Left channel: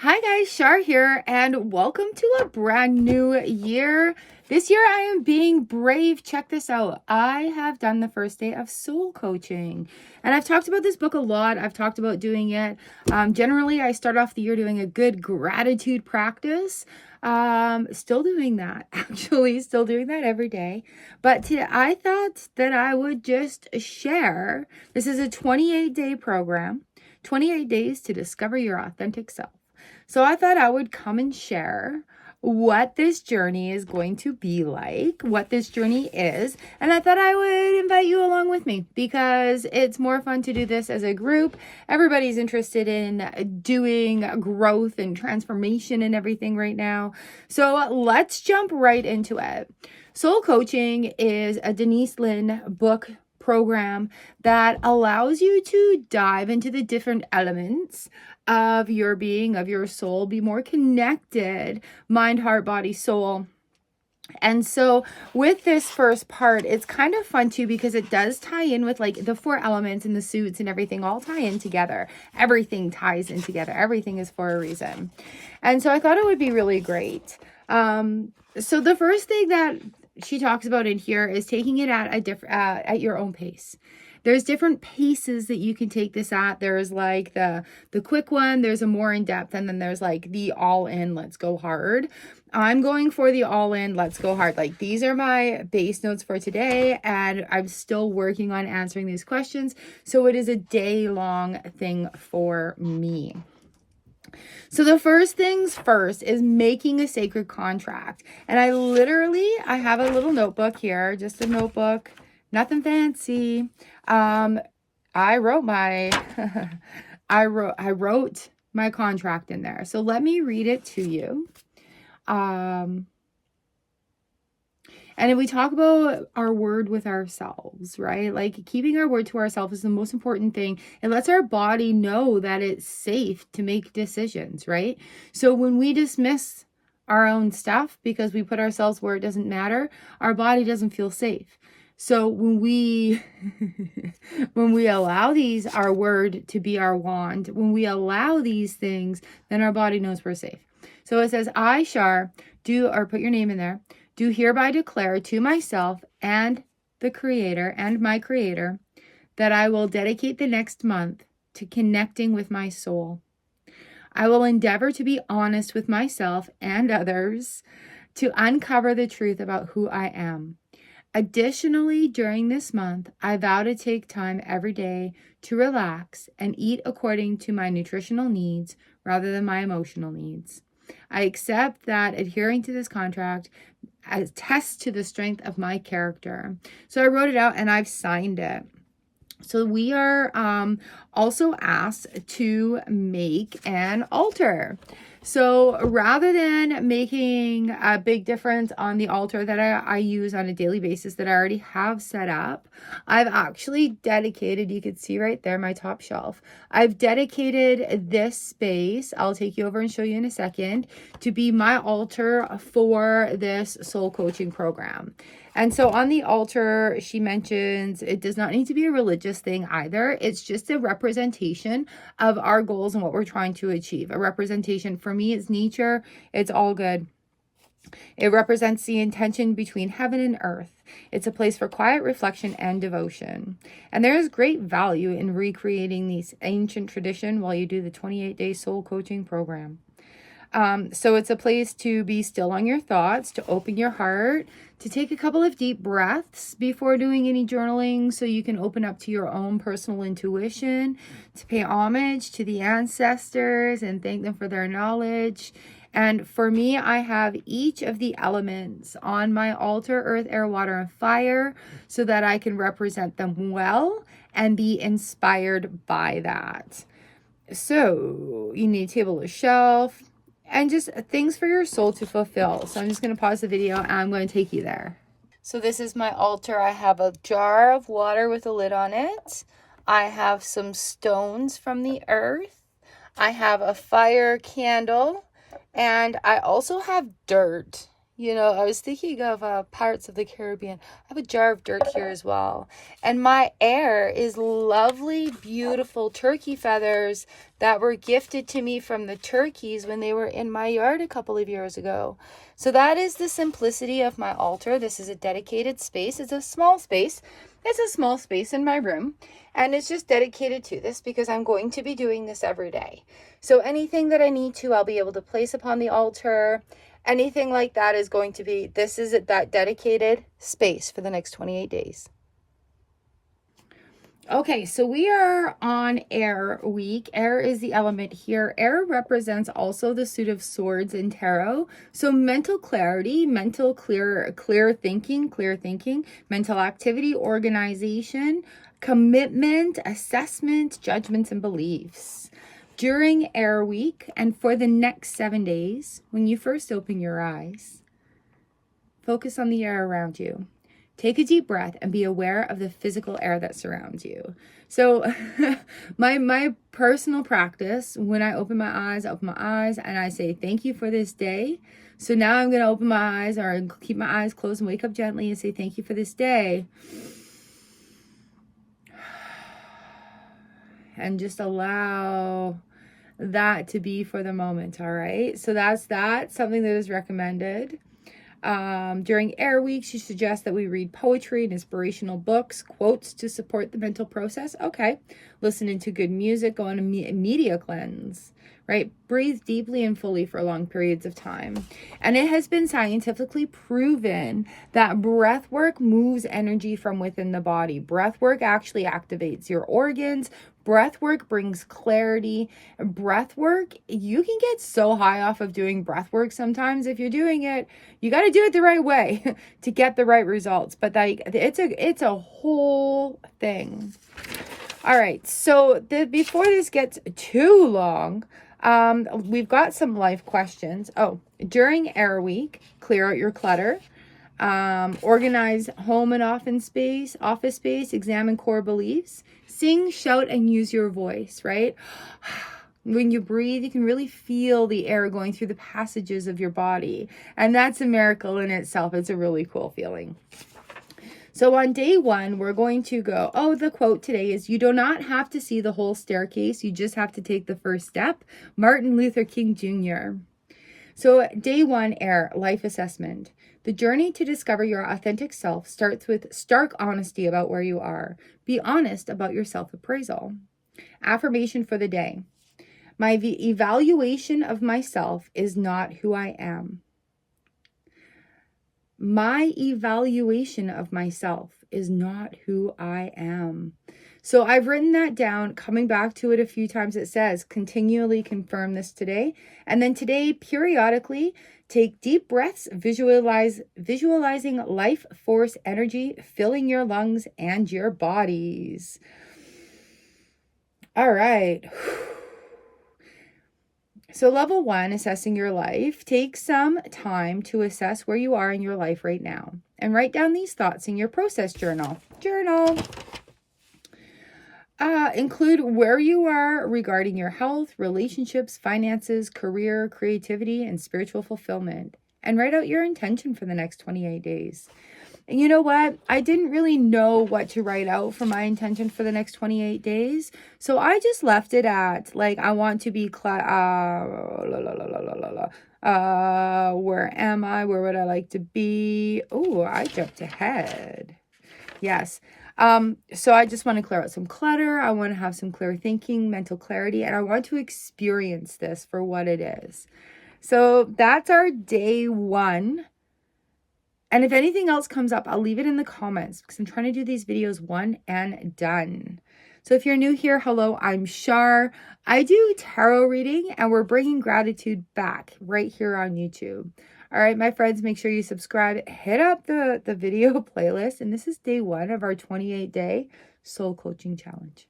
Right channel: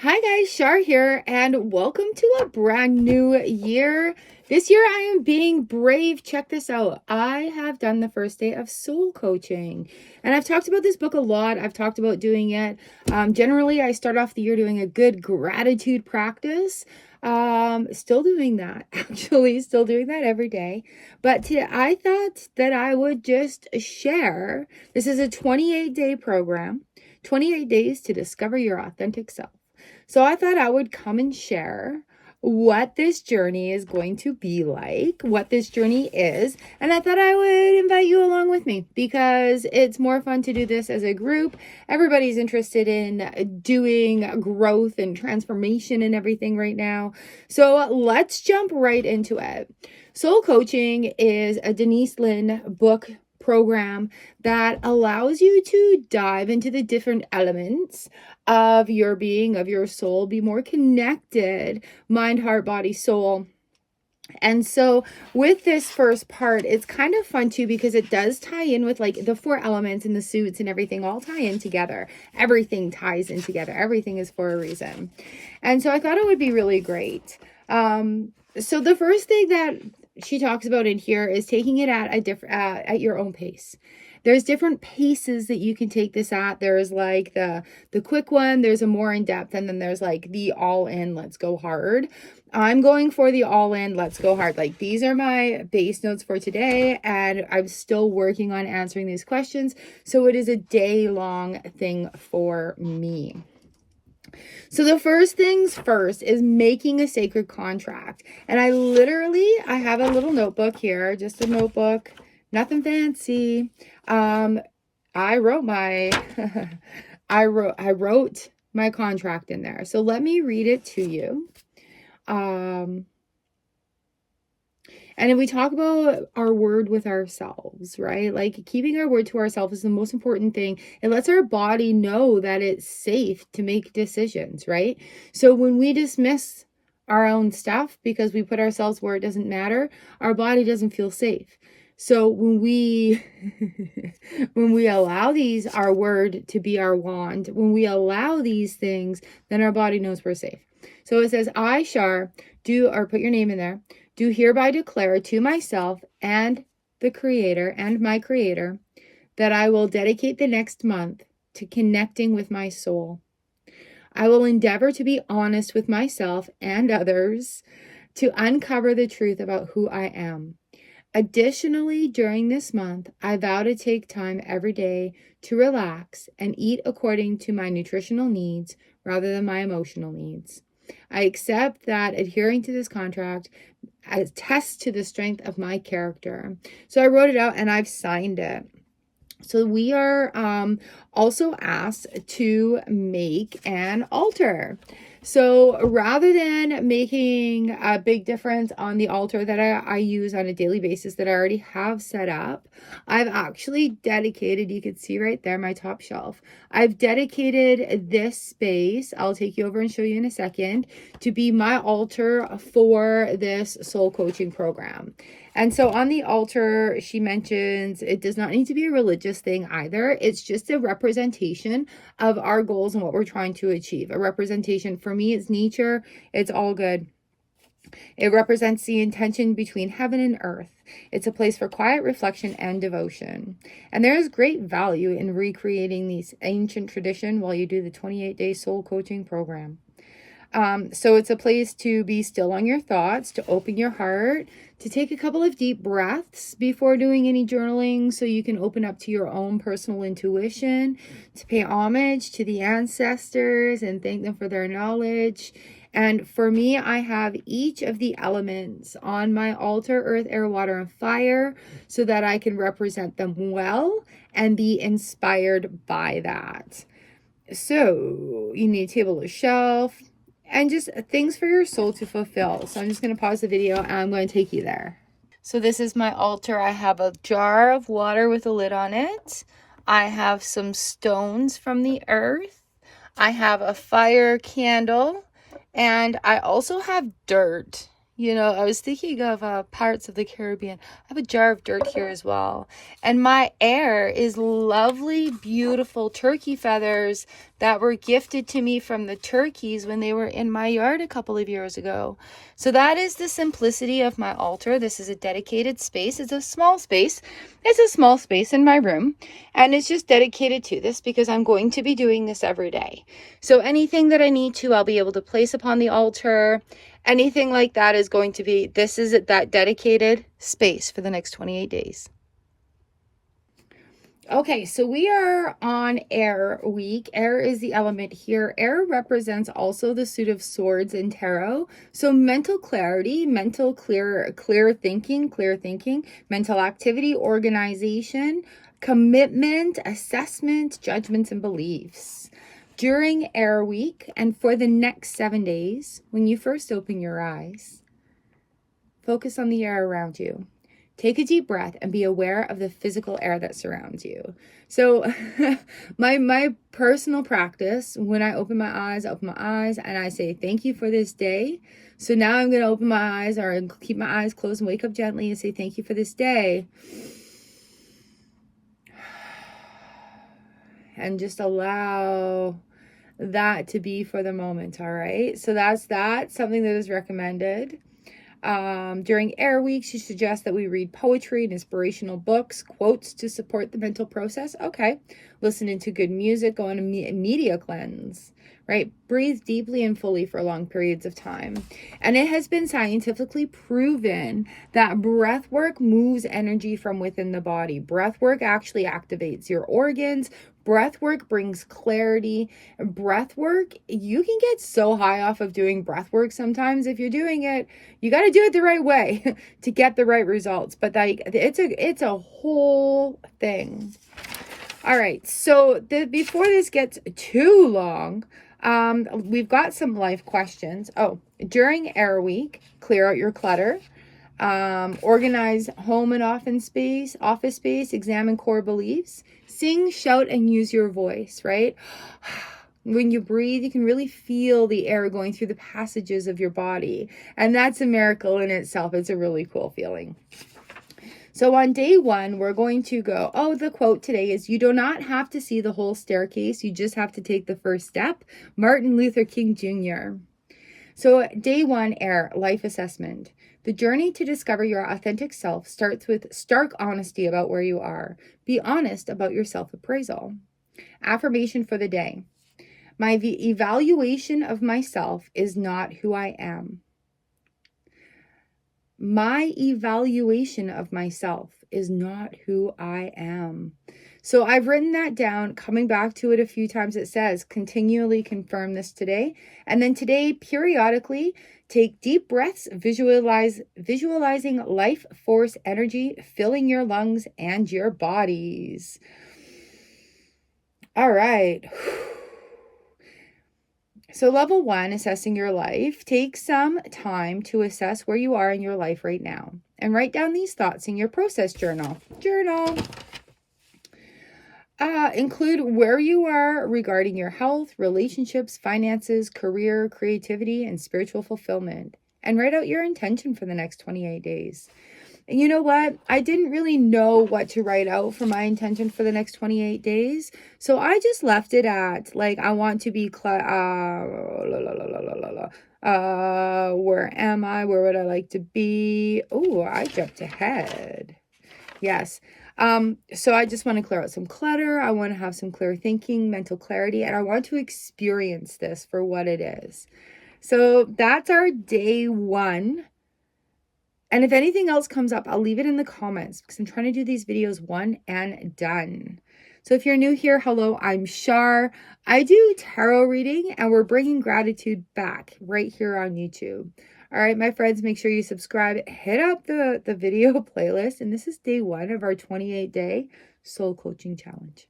Hi guys, Char here, and welcome to a brand new year. This year I am being brave. Check this out. I have done the first day of soul coaching, and I've talked about this book a lot. I've talked about doing it. Generally, I start off the year doing a good gratitude practice. Still doing that, actually, still doing that every day. But I thought that I would just share. This is a 28-day program, 28 days to discover your authentic self. So I thought I would come and share what this journey is going to be like, what this journey is. And I thought I would invite you along with me because it's more fun to do this as a group. Everybody's interested in doing growth and transformation and everything right now. So let's jump right into it. Soul coaching is a Denise Lynn book program that allows you to dive into the different elements of your being, of your soul, be more connected, mind, heart, body, soul. And so with this first part, it's kind of fun too because it does tie in with like the 4 elements and the suits and everything all tie in together. Everything ties in together. Everything is for a reason. And so I thought it would be really great. So the first thing that she talks about in here is taking it at your own pace. There's different paces that you can take this at. There's like the quick one, there's a more in-depth, and then there's like the all-in, let's go hard. I'm going for the all-in, let's go hard. Like these are my base notes for today, and I'm still working on answering these questions. So it is a day-long thing for me. So the first things first is making a sacred contract. And I have a little notebook here, just a notebook, nothing fancy. I wrote my, I wrote my contract in there. So let me read it to you. And if we talk about our word with ourselves, right? Like keeping our word to ourselves is the most important thing. It lets our body know that it's safe to make decisions, right? So when we dismiss our own stuff because we put ourselves where it doesn't matter, our body doesn't feel safe. So when we when we allow our word to be our wand, when we allow these things, then our body knows we're safe. So it says, I, Char, put your name in there, do hereby declare to myself and the Creator and my Creator that I will dedicate the next month to connecting with my soul. I will endeavor to be honest with myself and others to uncover the truth about who I am. Additionally, during this month, I vow to take time every day to relax and eat according to my nutritional needs rather than my emotional needs. I accept that adhering to this contract attests to the strength of my character. So I wrote it out and I've signed it. So we are also asked to make an altar. So rather than making a big difference on the altar that I use on a daily basis that I already have set up, I've actually dedicated, you can see right there, my top shelf. I've dedicated this space, I'll take you over and show you in a second, to be my altar for this soul coaching program. And so on the altar, she mentions it does not need to be a religious thing either. It's just a representation of our goals and what we're trying to achieve. A representation for me is nature. It's all good. It represents the intention between heaven and earth. It's a place for quiet reflection and devotion. And there is great value in recreating these ancient tradition while you do the 28-day soul coaching program. So it's a place to be still on your thoughts, to open your heart, to take a couple of deep breaths before doing any journaling so you can open up to your own personal intuition, to pay homage to the ancestors and thank them for their knowledge. And for me, I have each of the elements on my altar, earth, air, water, and fire, so that I can represent them well and be inspired by that. So you need a table or shelf, and just things for your soul to fulfill. So I'm just going to pause the video and I'm going to take you there. So this is my altar. I have a jar of water with a lid on it. I have some stones from the earth. I have a fire candle, and I also have dirt You know, I was thinking of Pirates of the Caribbean. I have a jar of dirt here as well. And my air is lovely, beautiful turkey feathers that were gifted to me from the turkeys when they were in my yard a couple of years ago. So that is the simplicity of my altar. This is a dedicated space. It's a small space. It's a small space in my room. And it's just dedicated to this because I'm going to be doing this every day. So anything that I need to, I'll be able to place upon the altar. Anything like that is going to be, this is that dedicated space for the next 28 days. Okay, so we are on air week. Air is the element here. Air represents also the suit of swords in tarot. So mental clarity, mental clear thinking, mental activity, organization, commitment, assessment, judgments, and beliefs. During air week and for the next 7 days, when you first open your eyes, focus on the air around you. Take a deep breath and be aware of the physical air that surrounds you. So my personal practice, when I open my eyes and I say, thank you for this day. So now I'm going to open my eyes or keep my eyes closed and wake up gently and say, thank you for this day. And just allow that to be for the moment. All right. So that's something that is recommended. During air week, she suggests that we read poetry and inspirational books, quotes to support the mental process. Okay. Listening to good music, go on a media cleanse, right? Breathe deeply and fully for long periods of time. And it has been scientifically proven that breath work moves energy from within the body. Breath work actually activates your organs. Breath work brings clarity. Breath work, you can get so high off of doing breath work sometimes. If you're doing it, you got to do it the right way to get the right results. But like, it's a whole thing. All right. So before this gets too long, we've got some life questions. Oh, during air week, clear out your clutter. Organize home and office space, examine core beliefs, sing, shout, and use your voice, right? When you breathe, you can really feel the air going through the passages of your body. And that's a miracle in itself. It's a really cool feeling. So on day 1, we're going to go, the quote today is, you do not have to see the whole staircase. You just have to take the first step. Martin Luther King Jr. So day 1, air, life assessment. The journey to discover your authentic self starts with stark honesty about where you are. Be honest about your self-appraisal. Affirmation for the day. My evaluation of myself is not who I am. My evaluation of myself is not who I am. So I've written that down, coming back to it a few times. It says, continually confirm this today. And then today, periodically, take deep breaths, visualizing life force energy filling your lungs and your bodies. All right. So level 1, assessing your life. Take some time to assess where you are in your life right now and write down these thoughts in your process journal. Include where you are regarding your health, relationships, finances, career, creativity, and spiritual fulfillment. And write out your intention for the next 28 days. And you know what? I didn't really know what to write out for my intention for the next 28 days. So I just left it at, like, I want to be, where am I? Where would I like to be? Oh, I jumped ahead. Yes. So I just want to clear out some clutter. I want to have some clear thinking, mental clarity, and I want to experience this for what it is. So that's our day 1. And if anything else comes up, I'll leave it in the comments because I'm trying to do these videos one and done. So if you're new here, hello, I'm Char. I do tarot reading and we're bringing gratitude back right here on YouTube. All right, my friends, make sure you subscribe. Hit up the video playlist. And this is day 1 of our 28-day soul coaching challenge.